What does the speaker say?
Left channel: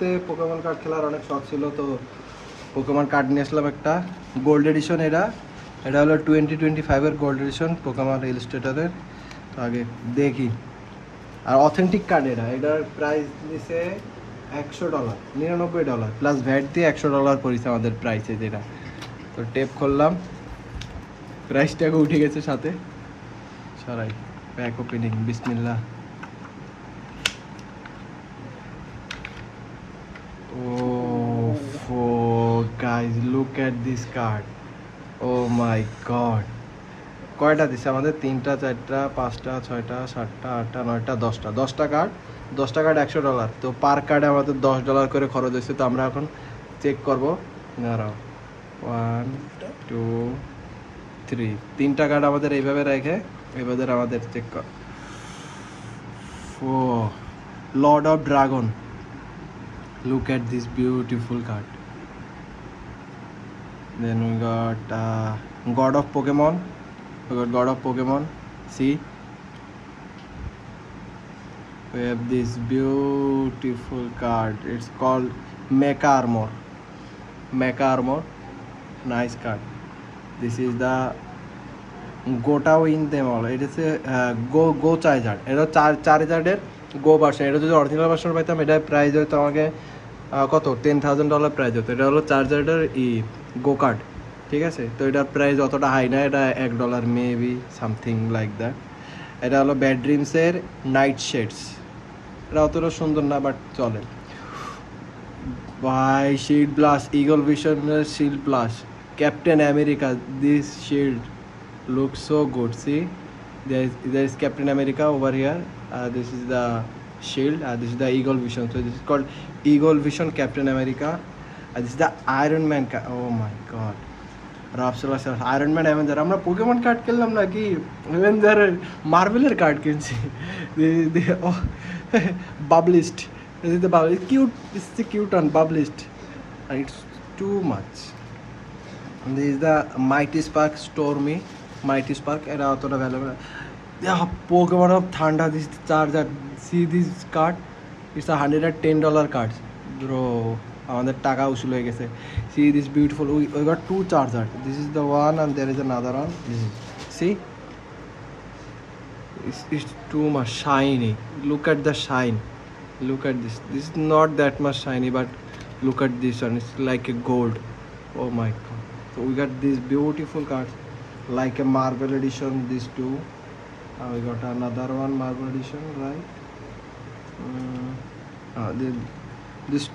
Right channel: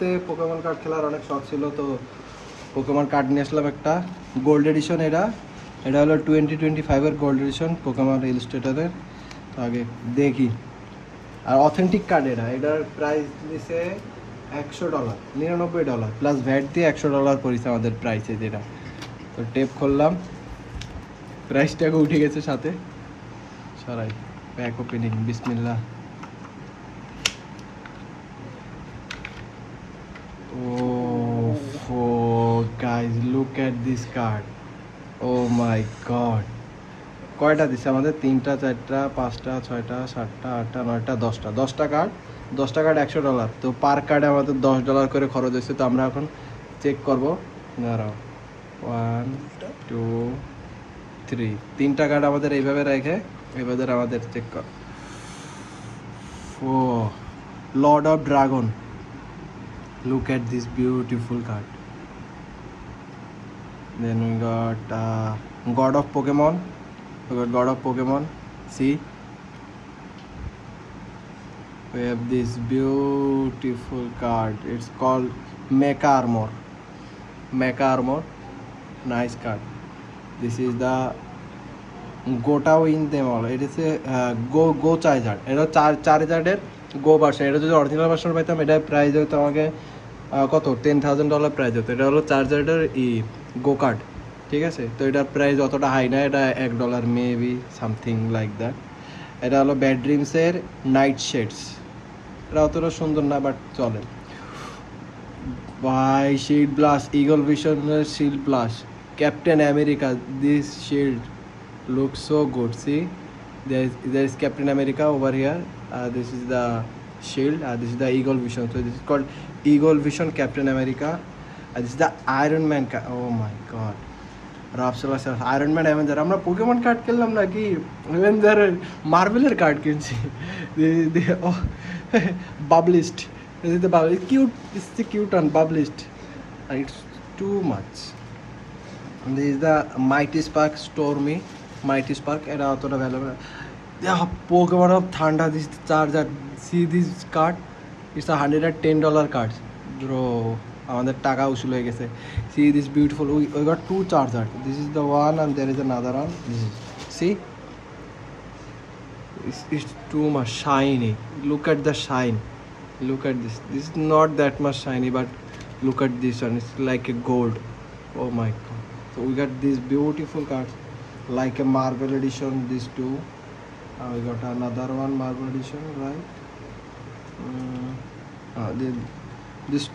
Pokemon card খেলার অনেক শখ ছিল, তো পোকেমন কার্ড নিয়ে আসলাম একটা গোল্ড এডিশন। এটা হলো 2025-এর গোল্ড এডিশন পোকেমন ইলাস্ট্রেটরের। তো আগে দেখি, আর অথেন্টিক কার্ড। এটার প্রাইস দিছে $100, $99 প্লাস ভ্যাট দিয়ে $100 পড়েছে আমাদের প্রাইসে যেটা। তো টেপ করলাম, প্রাইসটাকে উঠে গেছে সাথে। সরাই প্যাক ওপেনিং, বিসমিল্লাহ। Oh, guys, look at this card. Oh my god. কয়টা দিছে আমাদের? 3টা 4টা 5টা 6টা 7টা 8টা 9টা 10টা কার্ড। 10টা কার্ড $100। তো পার কার্ডে আমাদের $10 করে খরচ হয়েছে। তো আমরা এখন চেক করবো। দাঁড়াও, 1 2 3, 3টা কার্ড আমাদের এইভাবে রেখে এবার আমাদের চেক কর। Oh, lord of dragon. Look at this beautiful card. Then we got God of Pokemon. See, we have this beautiful card. It's called Mecha Armor. Nice card. This is the Gota Win them all. It is a Go Charizard. এটা চার্জার্ডের গো version. এটা যদি original version পাইতাম, এটা price হয়তো আমাকে কত $10,000 price হতো। এটা হলো চার্জার্ডের গো কার্ড, ঠিক আছে। তো এটার প্রাইস অতটা হাই না, এটা $1 মেবি, সামথিং লাইক দ্যাট। এটা হলো ব্যাড ড্রিমসের নাইট শেডস। এটা অতটা সুন্দর না, বাট চলে। বাই শিল্ড ব্লাস্ট, ইগল ভিশনের shield blast, captain America. This shield looks so good. See, there is Captain America over here. This is the shield. This is the Eagle Vision. So this is called Eagle Vision Captain America. This is the Iron Man. Oh my God. Iron Man Avenger. আমরা Pokemon card খেললাম নাকি Avenger মার্ভেলের card কিনছি। বাবলিস্ট, this is the Bubblist. Cute. This is the cute one, Bubblist. It's too much. This is the Mighty Spark Stormy. Mighty Spark, এটা অতটা valuable. Pokemon of Thunder, this is the charger. See this card, it's a $110 card. Bro, আমাদের টাকা উসুল হয়ে গেছে। See this beautiful, we got 2 chargers. This is the one and there is another one. See, it's too much shiny. Look at the shine. Look at this. This is not that much shiny, but look at this one. It's like a gold. Oh my God. So we got these beautiful cards, like a Marvel edition, these two. And we got another one Marvel edition, right? This